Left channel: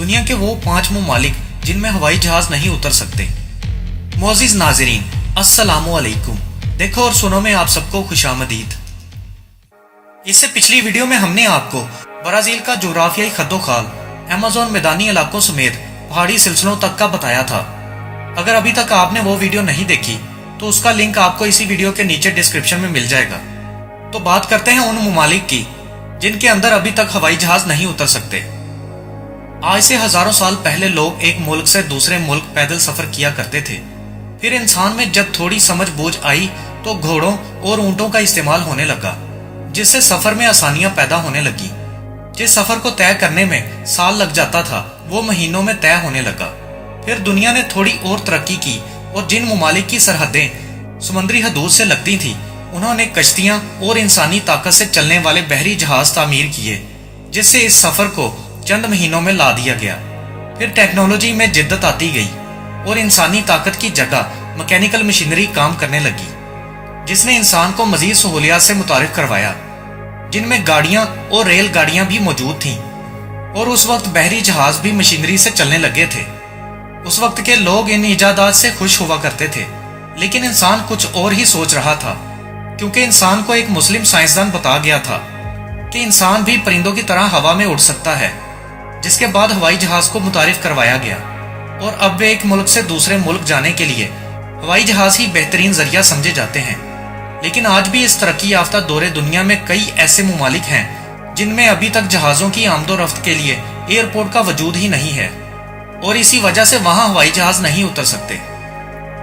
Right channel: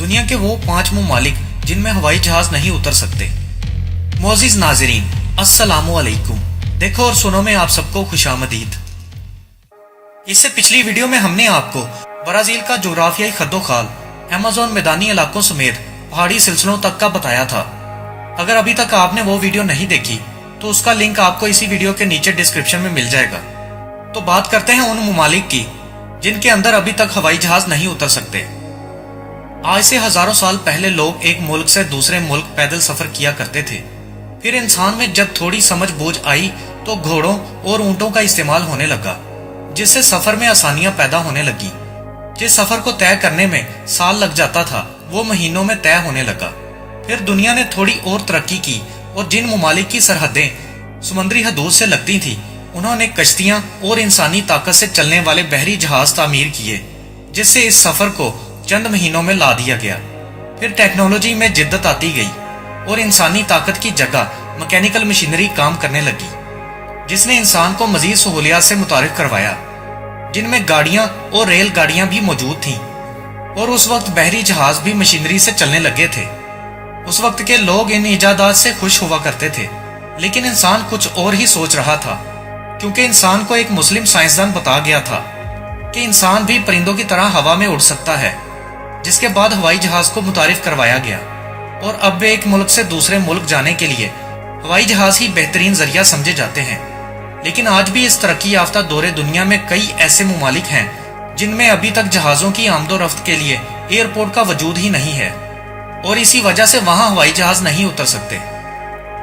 दुनिया के वो 5 ममालिक जिनमें हवाई जहाज नहीं उतर सकते। मोअज़्ज़िज़ नाज़रीन, अस्सलामु अलैकुम। देखो और सुनो में आप सबको खुशामदीद। इससे पिछली वीडियो में हमने आपको ब्राजील का जोग्राफियाई खद्दोखाल अमेज़न मैदानी इलाकों समेत पहाड़ी सिलसिलों तक का बताया था। अगर अभी तक आपने वो वीडियो नहीं देखी तो उसका लिंक आपको इसी वीडियो के नीचे डिस्क्रिप्शन में मिल जाएगा। तो बात करते हैं उन ममालिक की जिनके अंदर अभी तक हवाई जहाज नहीं उतर सकते। आज से हजारों साल पहले लोग एक मुल्क से दूसरे मुल्क पैदल सफर किया करते थे। फिर इंसान में जब थोड़ी समझ बूझ आई तो घोड़ों और ऊंटों का इस्तेमाल होने लगा, जिससे सफर में आसानियां पैदा होने लगी। जिस सफर को तय करने में साल लग जाता था वो महीनों में तय होने लगा। फिर दुनिया ने थोड़ी और तरक्की की और जिन ममालिक की सरहदें समुद्री हदूद से लगती थी उन्होंने कश्तियां और इंसानी ताकत से चलने वाले बहरी जहाज तामीर किए, जिससे इस सफर को चंद महीनों में ला दिया गया। फिर टेक्नोलॉजी में जिद्दत आती गई और इंसानी ताकत की जगह मैकेनिकल मशीनरी काम करने लगी, जिसने इंसान को मजीद सहूलियात से मुतारिफ करवाया, जिनमें गाड़ियां और रेल गाड़ियां भी मौजूद थीं। और उस वक्त बहरी जहाज भी मशीनरी से चलने लगे थे। उस वक्त के लोग इन इजादात से खुश हुआ करते थे, लेकिन इंसान कुछ और ही सोच रहा था, क्योंकि इंसान को एक मुस्लिम साइंसदान बता गया था कि इंसान भी परिंदों की तरह हवा में उड़ सकता है। जिसके बाद हवाई जहाज को मुतारिफ करवाया गया और अब वे एक मुल्क से दूसरे मुल्क जाने के लिए हवाई जहाज ही बेहतरीन जरिया समझे जाते हैं। लेकिन आज भी इस तरक्की याफ्ता दौरे दुनिया में कई ऐसे ममालिक हैं जिनमें अभी तक जहाजों की आमदोरफ्त के लिए एयरपोर्ट का वजूद ही नहीं है और इसी वजह से वहां हवाई जहाज नहीं उतर सकते।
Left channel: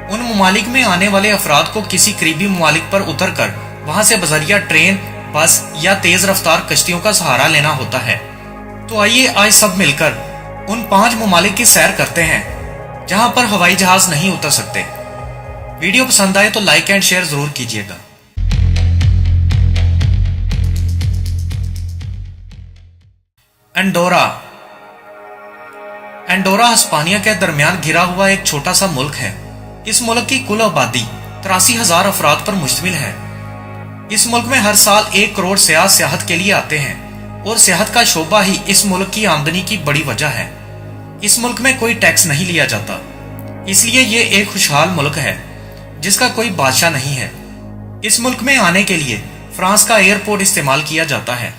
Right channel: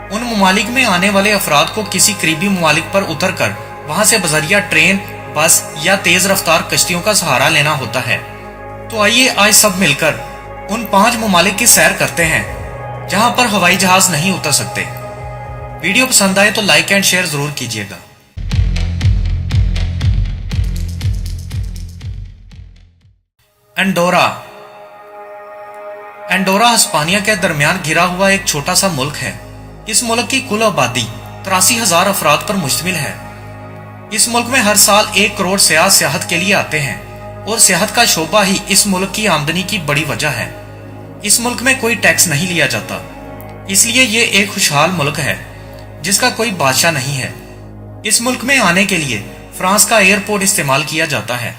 उन ममालिक में आने वाले अफराद को किसी करीबी ममालिक पर उतर कर वहां से बजरिया ट्रेन, बस या तेज रफ्तार कश्तियों का सहारा लेना होता है। तो आइए आज सब मिलकर उन 5 ममालिक की सैर करते हैं जहां पर हवाई जहाज नहीं उतर सकते। वीडियो पसंद आए तो लाइक एंड शेयर जरूर कीजिएगा। एंडोरा। एंडोरा हिस्पानिया के दरमियान घिरा हुआ एक छोटा सा मुल्क है। इस मुल्क की कुल आबादी 83,000 अफराद पर मुश्तमिल है। इस मुल्क में हर साल 1 करोड़ सयाह सियाहत के लिए आते हैं और सियाहत का शोबा ही इस मुल्क की आमदनी की बड़ी वजह है। इस मुल्क में कोई टैक्स नहीं लिया जाता, इसलिए ये एक खुशहाल मुल्क है जिसका कोई बादशाह नहीं है। इस मुल्क में आने के लिए फ्रांस का एयरपोर्ट इस्तेमाल किया जाता है।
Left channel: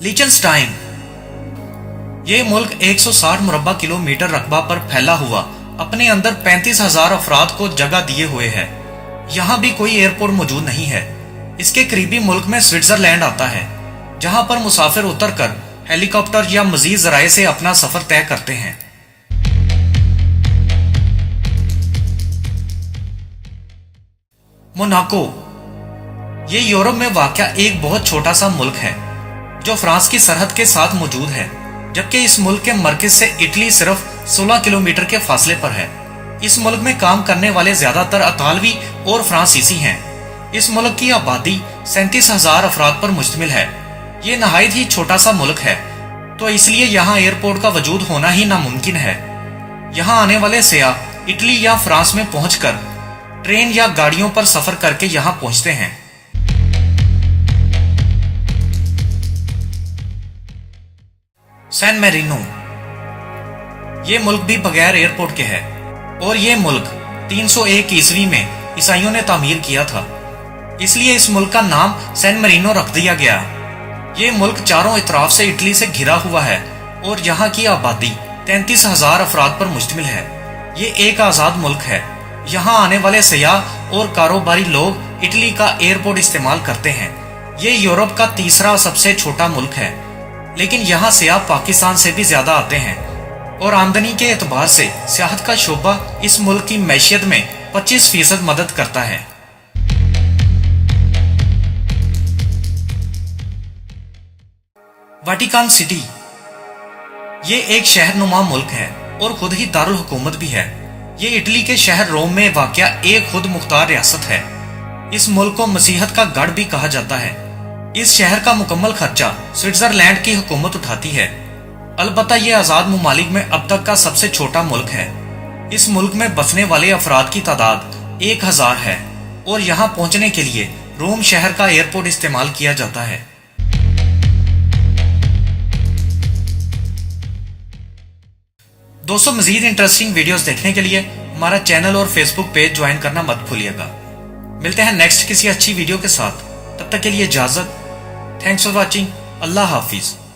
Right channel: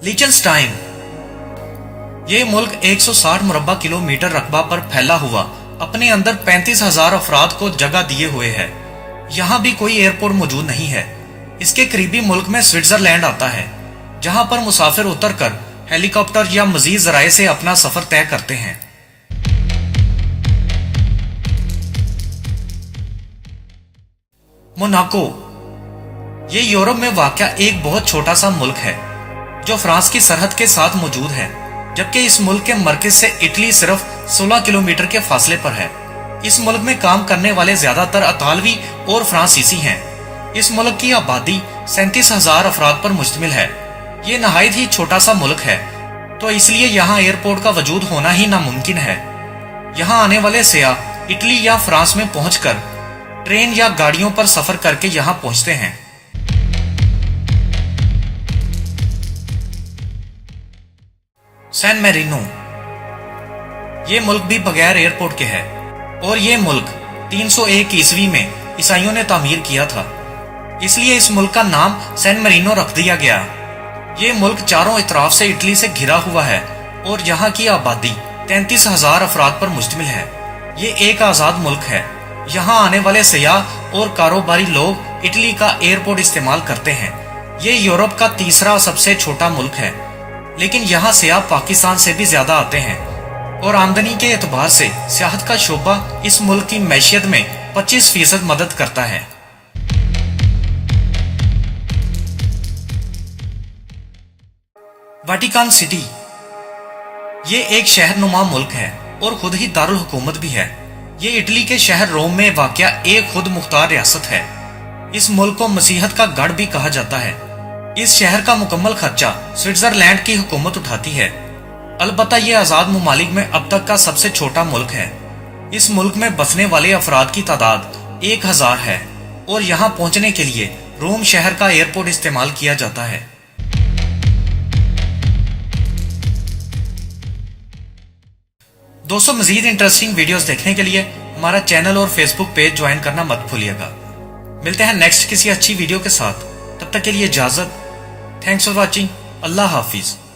लिechtenstein। ये मुल्क 160 मुरब्बा किलोमीटर रकबा पर फैला हुआ अपने अंदर 35,000 अफराद को जगह दिए हुए है। यहाँ भी कोई एयरपोर्ट मौजूद नहीं है। इसके करीबी मुल्क में स्विट्जरलैंड आता है, जहाँ पर मुसाफिर उतरकर हेलीकॉप्टर या मजीद जराये से अपना सफर तय करते हैं। मोनाको। ये यूरोप में वाक़या एक बहुत छोटा सा मुल्क है जो फ्रांस की सरहद के साथ मौजूद है, जबकि इस मुल्क के मरकज से इटली सिर्फ 16 किलोमीटर के फासले पर है। इस मुल्क में काम करने वाले ज्यादातर अतालवी और फ्रांसीसी हैं। इस मुल्क की आबादी 37,000 अफराद पर मुश्तमिल है। ये नहायत ही छोटा सा मुल्क है, तो इसलिए यहाँ एयरपोर्ट का वजूद होना ही नामुमकिन है। यहाँ आने वाले सयाह इटली या फ्रांस में पहुंचकर ट्रेन या गाड़ियों पर सफर करके यहाँ पहुंचते हैं। San Marino. ये मुल्क भी बगैर एयरपोर्ट के है और ये मुल्क 301 ईस्वी में ईसाइयों ने तामीर किया था, इसलिए इस मुल्क का नाम सैन मैरिनो रख दिया गया। ये मुल्क चारों इतराफ से इटली से घिरा हुआ है और यहाँ की आबादी 33,000 अफराद पर मुश्तमिल है। ये एक आजाद मुल्क है। यहाँ आने वाले सयाह और कारोबारी लोग इटली का एयरपोर्ट इस्तेमाल करते हैं। ये यूरोप का तीसरा सबसे छोटा मुल्क है, लेकिन यहाँ सयाह पाकिस्तान से भी ज्यादा आते हैं और आमदनी के एतबार से सियाहत का शोबा इस मुल्क की मैशियत में 25% मदद करता है। Vatican city. ये एक शहरनुमा मुल्क है और खुद ही दारुल हुकूमत भी है। ये इटली के शहर रोम में वाक़या एक खुद मुख्तार रियासत है। इस मुल्क को मसीहत का गढ़ भी कहा जाता है। इस शहर का मुकम्मल खर्चा स्विट्जरलैंड की हुकूमत उठाती है। अलबत्ता ये आजाद ममालिक में अब तक का सबसे छोटा मुल्क है। इस मुल्क में बसने वाले अफराद की तादाद 1000 है और यहाँ पहुंचने के लिए روم شہر کا ایئرپورٹ استعمال کیا جاتا ہے۔ دوستوں، مزید انٹرسٹنگ ویڈیوز دیکھنے کے لیے ہمارا چینل اور فیس بک پیج جوائن کرنا مت بھولیے گا۔ ملتے ہیں نیکسٹ کسی اچھی ویڈیو کے ساتھ، تب تک کے لیے اجازت۔ Thanks for watching. اللہ حافظ۔